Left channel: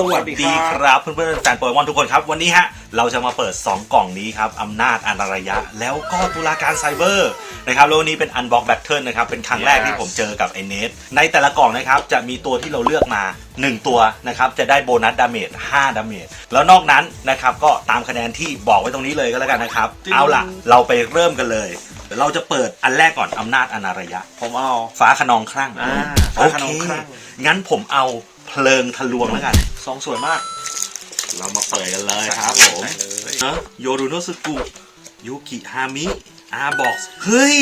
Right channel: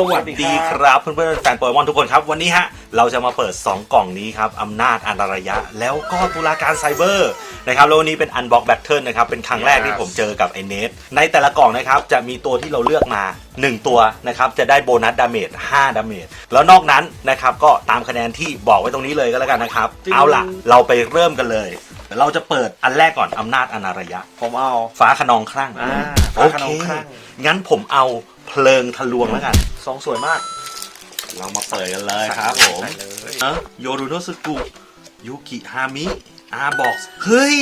สวัสดีครับเพื่อนๆแฟนโปเกมอนทุกคนครับ วันนี้ฮะเราจะมาเปิด 2 กล่องนี้ครับอำนาจอันตรายะ แล้วก็ตุลาการไซเบอร์นะครับแล้ววันนี้เป็นอันบ็อกแบทเทิลนะครับ เป็นครั้งแรกที่ผมเจอกับไอเนสในแต่ละกล่องนะครับ จะมีตัวที่เราเลือกมา 1 ตัวนะครับ จะได้โบนัสดาเมจ5ดาเมจแล้วนอกนั้นนะครับ ก็ตามคะแนนที่บอกไว้ตรงนี้เลยก็แล้วกันนะครับ เอาล่ะ เราไปเริ่มกันเลย เราจะเปิดอันแรกก่อนอำนาจอันตรายะ ผมเอาฟ้าขนองคลั่งอ่า โอฟ้าขนเคองคลั่งงั้นผมเอาเพลิงทะลวงแล้วกันซองสวยมาก เรามาเปิดกันเลยครับผมเนอะโยรุโนสึกุยูกิฮามิอาบอกเฮ้ย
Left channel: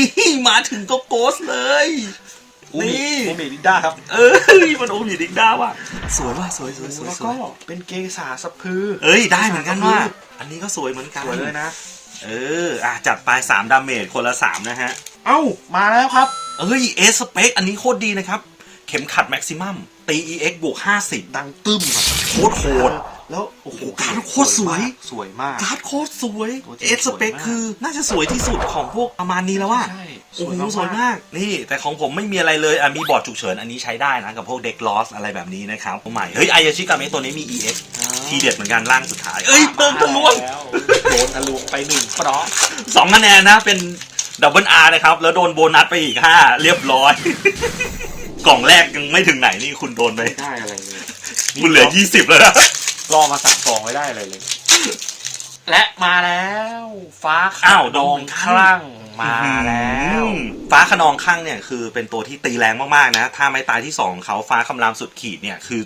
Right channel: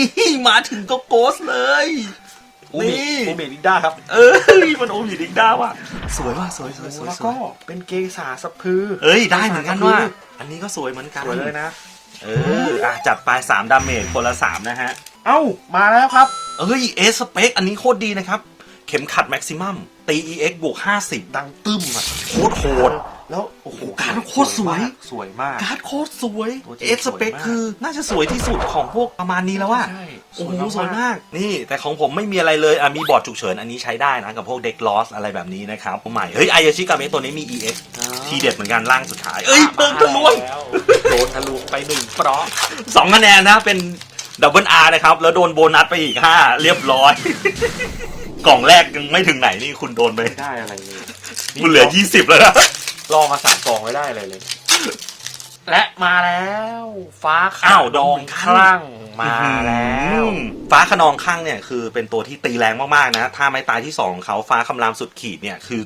มาถึงก็โกสเลยอูมินี่อูมิลินด้าครับ เอ้ย มันโอ้ยดิกด้าว่ะ สวยว่ะสวยสวยสวยแล้วสก็วยเป็นเกสาสะพือ เอ้ย ได้เหมือนกันว่ะ อันนี้ก็สวยเหมือนกัน สวยเลยนะ เอออะจัดไปสามดาเมจคนละสามนะฮะ เอ้า มาแล้วครับ เอ้ย เอสเปค อันนี้โคตรดีนะครับ เข็มขัดแม็กซิมัมตี EX บวก50 ดังตึ้มอะโคตรโหด แล้วโอ้โหการโคตรสวย สวยมาก การ์ดโคตรสวย โอ้จริงเอสเปคสวยมาก คือน่าจะสวยที่สุดของพวกประมาณนี้แล้วอะ ใช่โอ้โหสวยมาก นี่แต่ของผมไม่มีอะไรเลยอะมีบอร์ดฉุกเฉินอันนี้ใช้ได้นะ กับพวกเด็กลอสอะไรแบบนี้นะครับใหม่ เฮ้ยไอยาชิกาเมะตัวนี้มี EX ทีเด็ดเหมือนกันร่างสุดท้าย เอ้ยเปิงทะลวงโดนทะลุไปหนึ่งปลอกสองคะแนนนะ เป็น ดับเบิลอาร์นะครับ แล้วโดนโบนัสไปอีกห้าเรียบร้อย กล่องแรกยังไม่ถึงไหนนี่คุณโดนไปไม่ได้อะไรเลยคุณเหลือ20แล้วนะรอมาสามกองไม่ได้อะไรเลย และมาแล้ว ฟ้าอ้าวดองคลั่งมาแล้วอืมฟ้าขนองข้างเนี่ยคือเป็นตัวที่ตีแรงมากๆนะ ถ้าไม้ตายที่สองของเขาฟ้าคำรามสุดขีดเนี่ยคือ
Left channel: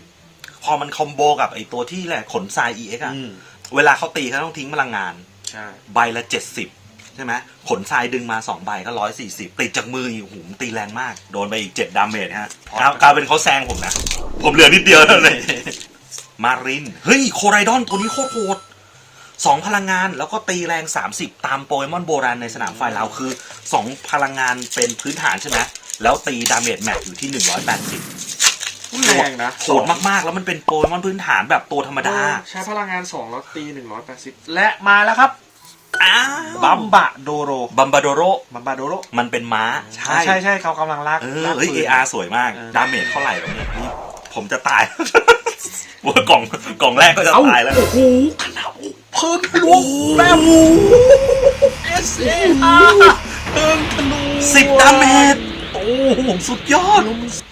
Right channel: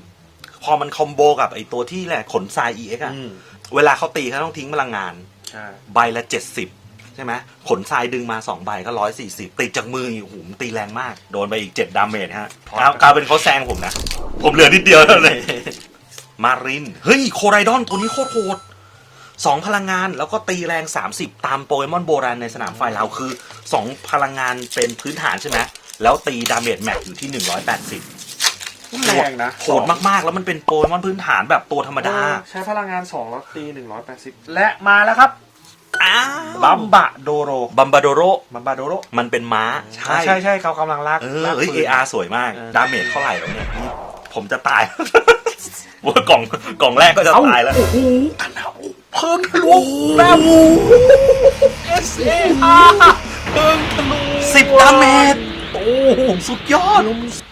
พอมันคอมโบกับไอตัวที่แหละขนทราย EX อะอืมเวลาเขาตีเขาต้องทิ้งพลังงาน ใช่ ใบละ70 ใช่ไหมขนทรายดึงมา2ใบก็140ติดจากมืออีกหูมนตีแรงมาก โดนไปอีก7ดาเมจฮะครับกลายเป็นเขาแซงผมนะ ผมเหลือนิดเดียวเท่านั้นเองมาริน เฮ้ย โคไรดอนตัวนี้โคตรโหดสองพลังงานแล้วก็ตีแรง 30 ตามโปเกมอนโบราณในสนามไฟเราคือ 2 พลังงานเป็นพื้นฐานใช่ไหมแล้วตีดาเมจแม็กอยู่ที่ 180แรงนะโหดมากๆ แล้วมันเป็นโปเกมอนพื้นฐานแบบตัวธรรมดา ใช้พลังงาน 2 แล้วตี 180 และมาแล้วครับ อ้าบัมบะโดโรบัมบาโดโร บัมบะโดโรมันเป็นม้า ใช่ ใช่ใช่เขากำลังลากเออลากเฮ้ย ปืน AR สวยมาก เออ ดาเมจเท่าไหร่วะเนี่ยผมจะตาย ว่ากล่องกล่องแรกก็จะเอ้าตายแล้ว โอ้โหขนาดเพิ่มทะลุแบบ S A R เพิ่มทะลุสิบดาเมจ โอ้โหสุดยอด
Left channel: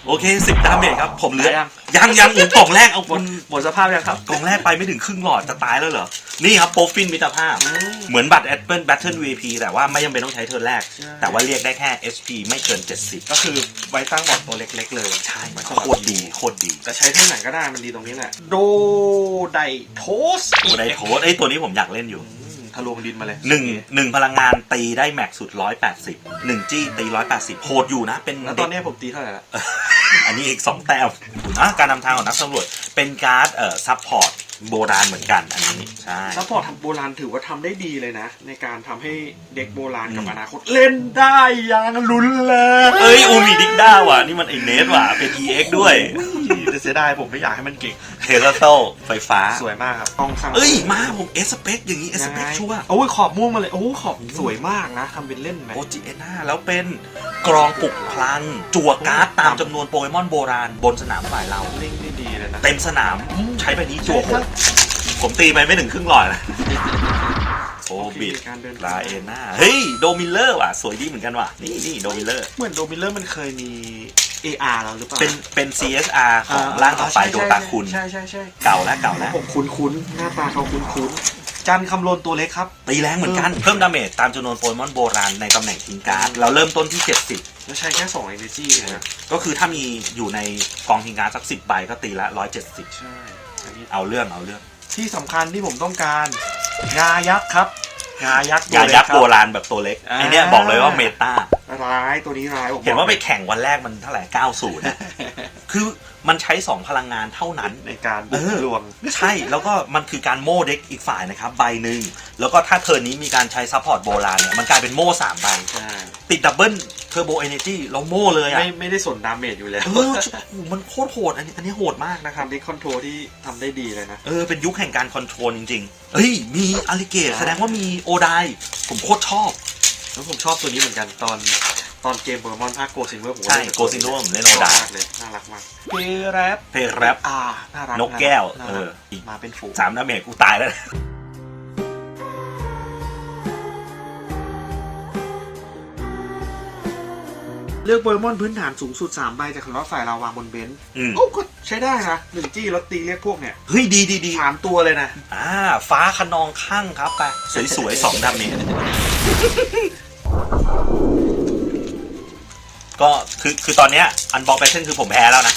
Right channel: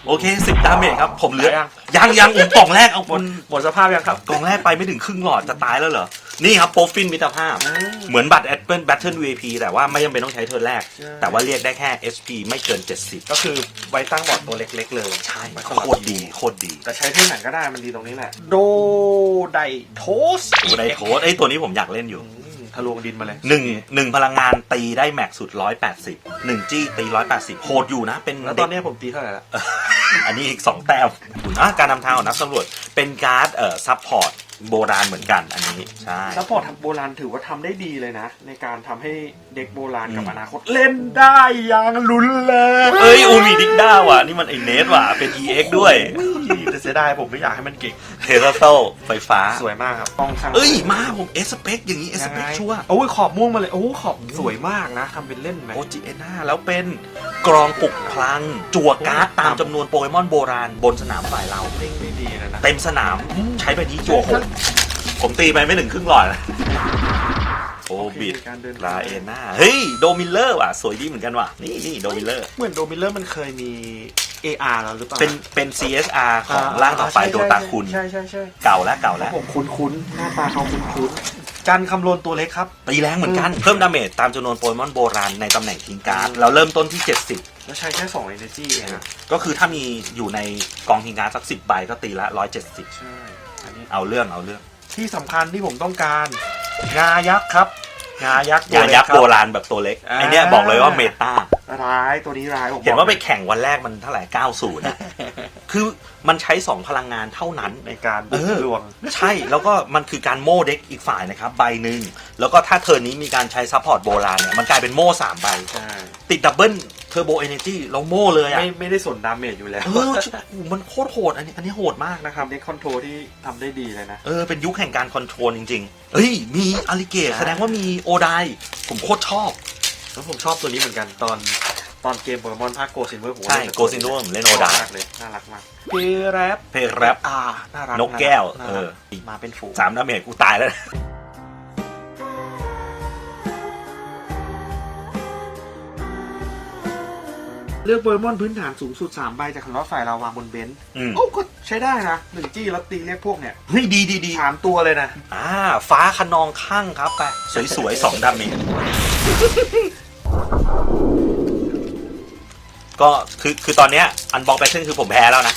โอเคสิบดาเมจครับ ผมเหลือ ยังยังอีกกล่องแรกเอาหคมดนหมดสภาพยังครับ กล่องแรกไปไม่ถึงครึ่งหลอดจะตายแล้วเหรอ นี่ครับโปรฟินมิตรภาพ เหมือนบัตรแอปเปิลแบทเทิล VP แต่ว่าไม่จำเป็นต้องใช้เทิร์นแรกใช่แต่ว่าเรียกได้แค่ HP ไม่เกิน 70 ก็คือไว้ตั้งบอร์ดตัวเล็ก ๆ เลย ใช่ไม่โคต้องตรดีโคตรดี แต่ใช้เท่าไหร่ก็ได้มันดีตรงนี้แหละ โดไดโทสโอ้ได้โทษไอ้ยตัวนี้ผมอยากเล่นอยู่อืม ทะลวงดินมาเลยหนึ่งหนึ่งพลังงานตีได้แม็กสุดร้อยแปดสิบหนึ่งจี้ตีร้อยแปดสิบโหดอยู่นะ เป็นแล้วตเด็อกนนี้ผมตีเท่าไหร่ละ อันนี้อีกสองแต้มอะการนำทางของนักสำรวจเป็นการ์ดเอ่อซัพพอร์ตโบราณเหมือนกันอันนี้ใช่ ซัพพอร์ตโบราณถือว่าทำได้ดีเลยนะ ในการทำให้เด็กโบราณกับอืม อนาคต เล่นได้อย่างรุนแรงเอ้ยอูมิดิกด้าว่ะ นี่มันไอเนสว่ะ เป็น EX ด้วยแต่ เสียดายผมไม่อยากให้มันเก่งเทเลโตไฟฟ้า สวยมากครับต้องข้างเอ้ย มาผมเอสเปคอย่างนี้เอสเปคชัวร์โอ้ยขอบม่วงมาเลยโอ้ขอบสวยมากนะทำเป็นเล่นไหมโอจิเอน่าแล้วเป็นกรองปลุกพลังจั่วการ์ดตามจำนวนโปเกมอนโบราณบนสนามฝ่ายเราเล่นได้ดีเลยนะเต็มสนามใช้ไปนี้จั่วหกผมตีไปไม่ถึงครึ่งหลอดนะโอบิดการเดินลาเอน่าเฮ้ย โดมิลเลอร์ว่ะ สวยดีเหมือนกันว่ะ นี่นี่โดมิลเลอร์ เหมือนโดมิเลอร์มันเคยมี AR แล้วหรือเปล่าเป็นเป็น CSR ของร่างต่อไปโดตาคุณ ใช่ใช่ใช่เก่าแล้วเก่าแล้วผมคุ้นคุ้นๆหน้าตาเขาคุ้นคุ้นๆการคำนวณตัวเล็กครับ ตีแรงเหมือนกัน เพิ่มดาเมจตามจำนวนโปเกมอนโบราณในตำแหน่งทิ้งการ์ดเราเริ่มต้นที่ 70 แล้วใช้แค่2 energy เองอะก็คือถ้ามีอยู่ในกองทิ้งการ์ดสัก 10 ใบก็ตีละ 170 ใช่อันนี้เอาเรื่องเอาเรื่องที่สำคัญที่ผมต้องการงายักษ์ครับงายักษ์ยายักษ์ตัโบวเล็ราณแบบตัวเล็กอ่า ไอเนี้ยบอกเลยว่าเมตาค รับร้ายตัวนี้ร้ายผมเห็นว่าไปบอกแข่งวันแรกมันเท่าไหร่90นะคือมันใช้ 2 พลังงานเท่านั้นในการเออลวง ใช่แล้วก็มันคือการโม่เด็กอีกฝ่ายนะครับใบหนึ่งแล้วก็ถ้าเทิร์นนี้มีการใช้ซัพพอร์ตโบราณเนี่ยมันกลายเป็นโม่สามใบใช่ติดดับเบิลเทอร์โบเอเนจีแล้วโม่เลยอะไม่ไม่ได้สนดาเมจอยู่แล้วเออโอ้โหมันโคตรโหดอันนี้อันนี้โหดมากนะครับทำได้คอนโทรลที่ทำได้ดีเลยนะ เออ เป็นยุคแห่งการคอนโทรลจริงๆ เฮ้ย มีอาริเกตแสดงว่ามีโอไดผมโคตรชอบ แล้วผมชอบตัวนี้เหมือนกันตอนตอนเกมโปเกมอนภาคโกซินเวอร์ผมใช่ Go Silver ผมเล่นโอดาเลยน่ารักมากเพแรปเพลแรปอ่าน่ารักนกแก้วน่าเอรัอกมาเป็นฝูงสามดาเมจกูตายแล้ว ลือกโปเกมอนพื้นฐานสูงสุด3ใบจากคำว่าฝ่ายลาวาบนเบนซ์อืมโอ้ก็ใช้ได้นะหนึ่งจี้แล้วตีเรียกพวกเนี่ยเฮ้ยดีดีดีสามตัวเลยนะ อ่า ฟ้าขนองข้างครับไป สวยๆสองดาเมจก็คือคือตอนเนี้ยอันบอกแพทเทิร์นคือผมแพ้แล้วนะ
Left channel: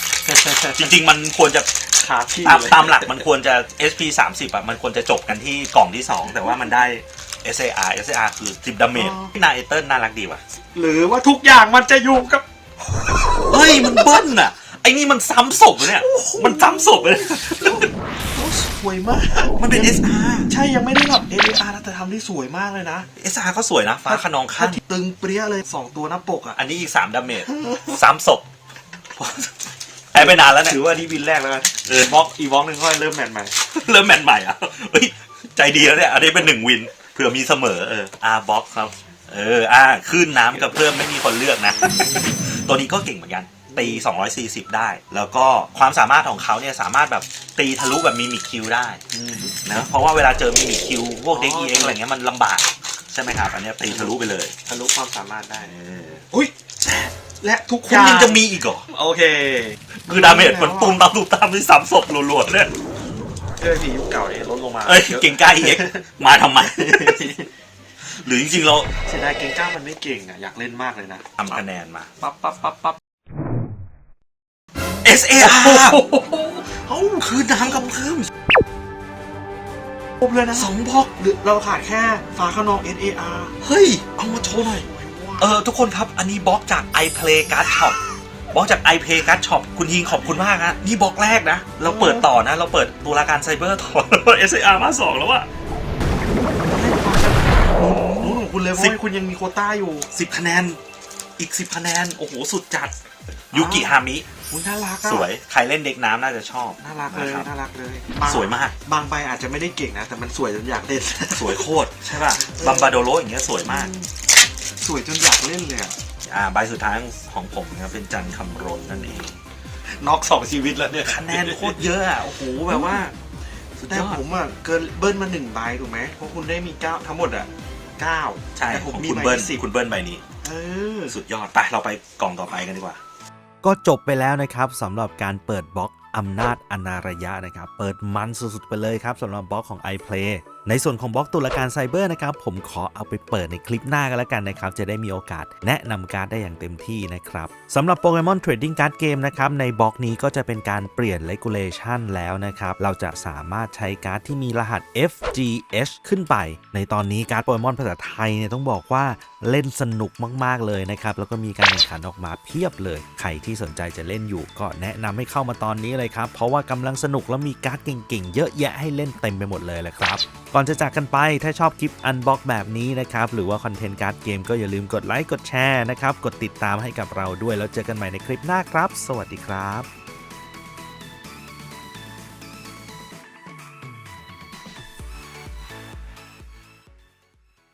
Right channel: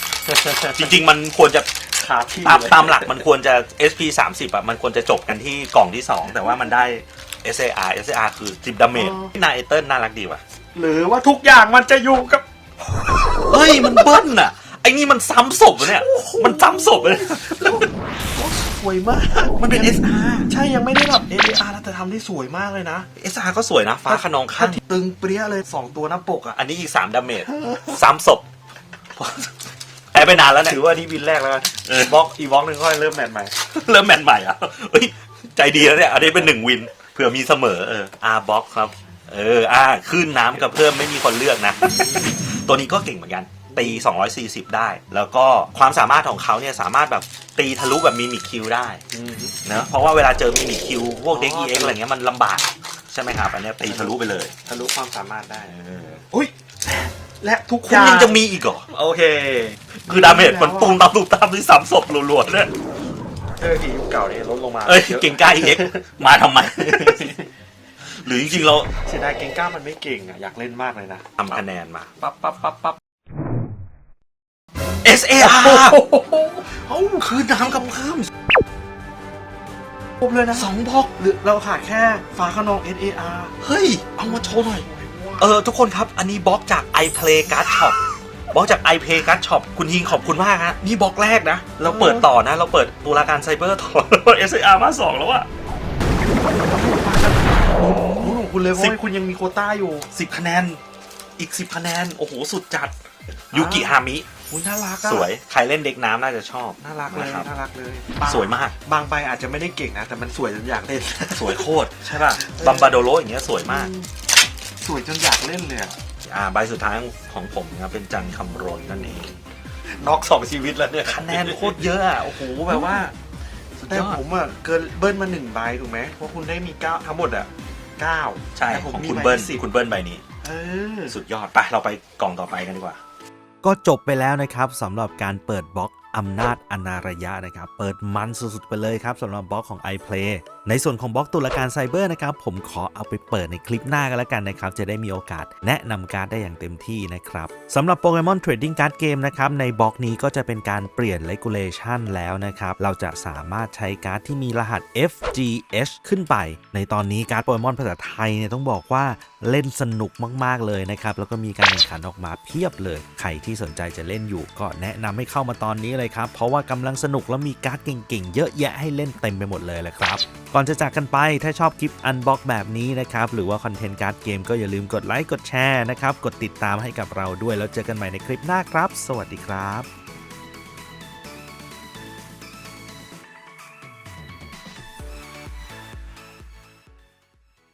จริง ๆ มันควรจะขาที่ตามเลยตามหลักมันควรจะ SP 30อะมันควรจะจบกันที่กล่องที่ 2 แต่ว่ามันได้ SAR SAR คือ10ดาเมจนายเติ้ลน่ารักดีว่ะ หรือว่าทุกอย่างมันจะอยู่กับ เฮ้ยมันเบิ้ลอะไอ้นี่มันซ้ำศพเนี่ย มันซ้ำศพเลยสวยมาก มันเป็น SR ใช่ยังไม่ได้แบบ ADR นะแต่ทำได้สวยมากเลยนะ SR ก็สวยนะ ฟ้าขนองข้างตึงเปรี้ยเลยสองตัวหน้าปกอะ อันนี้อีก 3ดาเมจซ้ำศพแพ้ไปนานแล้วเนี่ยถือว่าที่วินแรกแล้วกันเออบล็อกอีบล็อกหนึ่งก็เริ่มแมตช์ใหม่ เริ่มแมนใหม่อะเฮ้ยใจดีแล้วเนี่ย อันนี้เป็นหนึ่งวินเผื่อมีเสมอเออ R box ครับ เออ อ่าขึ้นน้ำกับเพิ่มไม่มีคนเลือกนะ ตัวนี้ก็เก่งเหมือนกัน ตี 240 ได้ แล้วก็ความสามารถของเขาเนี่ยสามารถแบบตีทะลุแบบมิมิคิวได้นะเพราะว่าเวลาเจอมิมิคิวพวกเด็กอ๋อเอ็กอะไรเงี้ยมันลำบาก ใช่ไหมครับ อันเนี้ยตีทะลุไปเลยทะลุความสามารถได้เอออุ้ยและทุกคุณยังจะมีอีกเหรอ โอเค คือดาเมจมันตุ้มตามตุ้มตามที่สามศพรัวๆเนี่ยเออผียุคเก่าเนี่ยลดลงมาเอ้ยเก่งกล้าเอ็กมาทำไม หรือจริงๆเราเสียดายเก่งกล้ามันไม่เก่งอะอยากเล่นมากเลยนะทำคะแนนมา ปั๊บปั๊บปั๊บปั๊บ SAR เอ้าคือน้ำกับเพิ่มครบเลยนะสองบล็อกหรือเราขาดแค่ฟ้าขนอง SAR เฮ้ย เอามาโชว์หน่อย เออ ทุกคนครับ อันนี้บล็อกจาก iPlay Card Shop บล็อกจาก iPlay Card Shop คุณยิงขอบคุณมากฮะนี่บล็อกแรกนะ เราเปิดต่อนะ เราเปิดตุลาการไซเบอร์ต่อ SAR มาสองแล้วอะอืม คุณเลยเพราะสิบว่าคุณยังมีโควต้าอยู่ สิบคะแนน อีกสิบคะแนน โอ้โห สุดจัด ยูกิฮามิ คุณน่ารักอะสวย ใครเล่นเด็กน้ำน่าจะชอบ น่ารักเลยนะครับ น่ารักเลยสวยมาก บางใบอาจจะไม่ได้เก่งนะ แต่มันสวยจนอยากเล่น สวยโคตร ใช่ป่ะ บัมบาโดโรอย่างเงี้ยสวยมาก สวยจนอยากเล่นเลยอะอ่า ใบสุดท้ายของผมนะเป็นจันคำรนนั่นเองน็อกสองชีวิตแล้วเนี่ย คะแนนโคตรเยอะอะโอ้โห แบบว่าสุดแต่ยอดผมอะเกินเบิ้ลมาหนึ่งใบถูกไหมเพราะคุณได้มีเก้าทั้งหมดอะ เก้าใช่แต่ขผอมงมีคุณใบเบิ้ลสิบคุณเบิ้ลใบนี้เออสุดยอดไปเราไปกล่องต่อไปกันดีกว่า ก็จบไปแล้วนะครับสำหรับการเปิดบล็อก อำนาจอนาระยะนะครับ เปิดมันสุดๆไปเลยครับสำหรับบล็อกของ iPlay ในส่วนของบล็อกตุลาการไซเบอร์นะครับ ผมขอเอาไปเปิดในคลิปหน้ากันแล้วกันนะครับ จะได้มีโอกาสแนะนำการ์ดได้อย่างเต็มที่นะครับสำหรับโปเกมอนเทรดดิ้งการ์ดเกมนะครับ ในบล็อกนี้ก็จะเป็นการเปลี่ยน regulation แล้วนะครับ เราจะสามารถใช้การ์ดที่มีรหัส FGH ขึ้นไป ในตอนนี้การ์ดโปเกมอนภาษาไทยเนี่ยต้องบอกว่าเล่นสนุกมากๆเลยนะครับแล้วก็มีการแข่งขันออกมาเพียบเลยใครที่สนใจจะเล่นอยู่ก็แนะนำให้เข้ามาตอนนี้เลยครับ เพราะว่ากำลังสนุกแล้วมีการ์ดเก่งๆ เยอะแยะให้เล่นเต็มไปหมดเลยแหละครับ ก่อนจะจากกันไปถ้าชอบคลิปอันบ็อกแบบนี้นะครับ หรือว่าคอนเทนต์การ์ดเกมก็อย่าลืมกดไลค์กดแชร์นะครับ กดติดตามให้กับเราด้วยแล้วเจอกันใหม่ในคลิปหน้าครับ สวัสดีครับ